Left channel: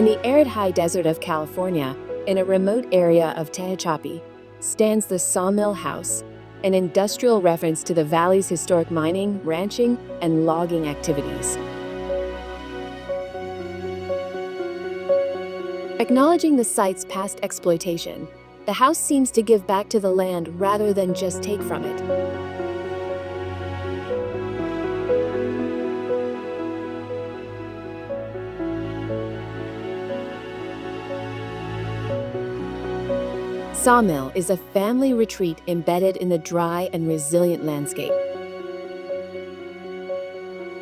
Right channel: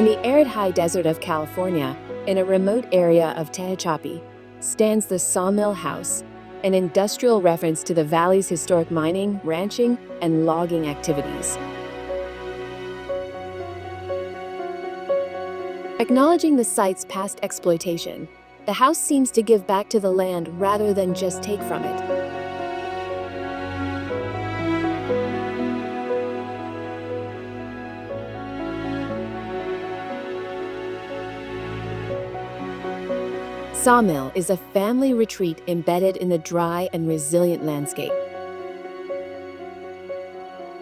In the arid high desert of California, in a remote area of Tehachapi, stands the Sawmill House, an industrial reference to the valley's historic mining, ranching, and logging activities. Acknowledging the site's past exploitation, the house seems to give back to the land rather than just take from it. Sawmill is a family retreat embedded in the dry and resilient landscape.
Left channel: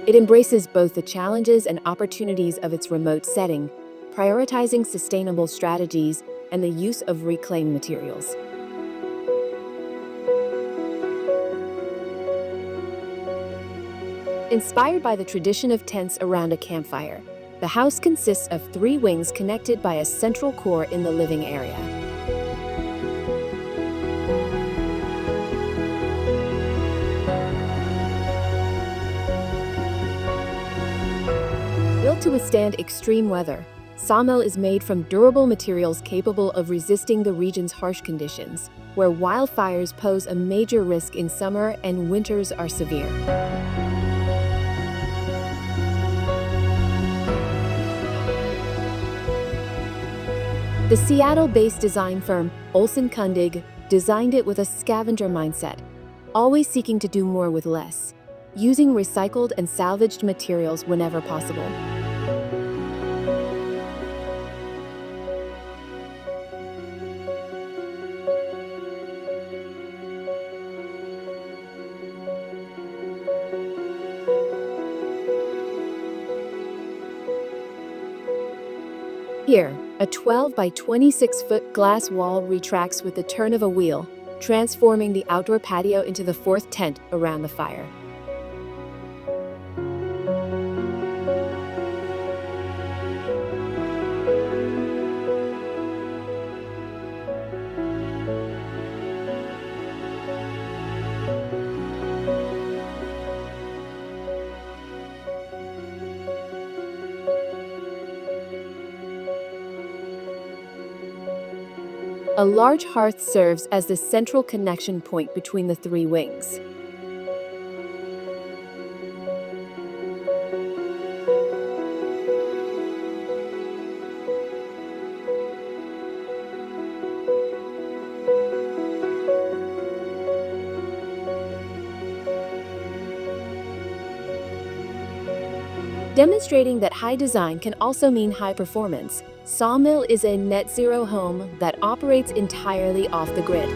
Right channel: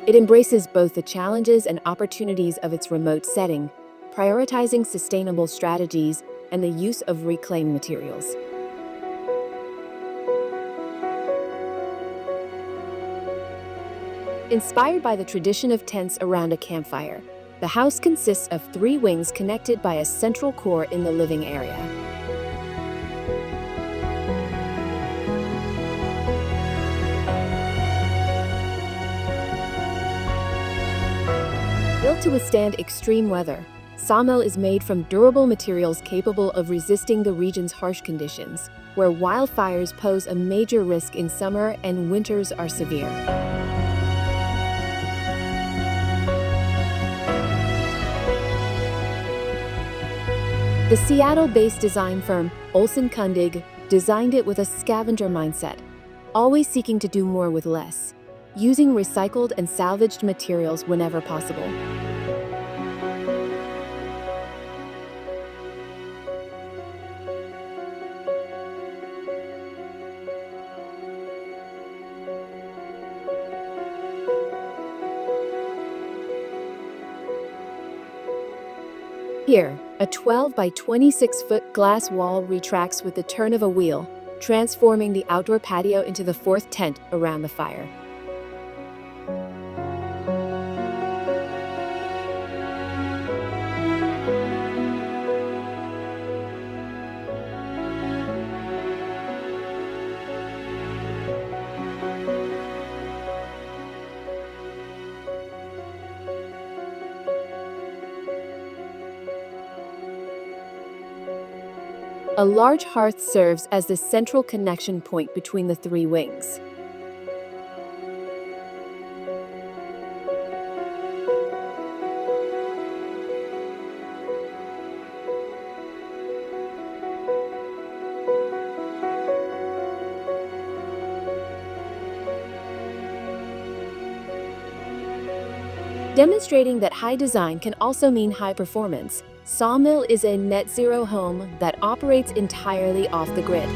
It embraces both the challenges and opportunities of its remote setting, prioritizing sustainable strategies and the use of reclaimed materials. Inspired by the tradition of tents around a campfire, the house consists of 3 wings connected by a central core in the living area. Built to withstand extreme weather, Sawmill is made from durable materials capable of resisting the region's harsh conditions, where wildfires pose a major risk in summer and winters are severe. The Seattle-based design firm Olson Kundig designed it with a scavenger mindset, always seeking to do more with less, using recycled and salvaged materials whenever possible. Here, a 12 by 26-foot glass wall retracts with the turn of a wheel, transforming the outdoor patio into the 4th tent around the fire. A large hearth serves as the central connection point between the 3 wings. Demonstrating that high design can also mean high performance, Sawmill is a net-zero home that operates entirely off the grid.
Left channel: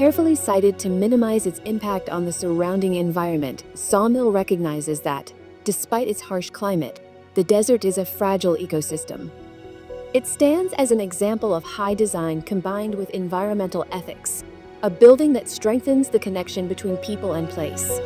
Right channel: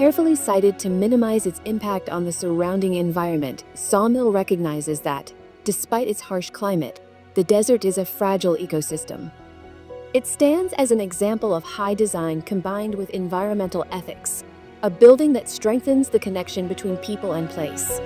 Carefully sited to minimize its impact on the surrounding environment, Sawmill recognizes that, despite its harsh climate, the desert is a fragile ecosystem. It stands as an example of high design combined with environmental ethics, a building that strengthens the connection between people and place.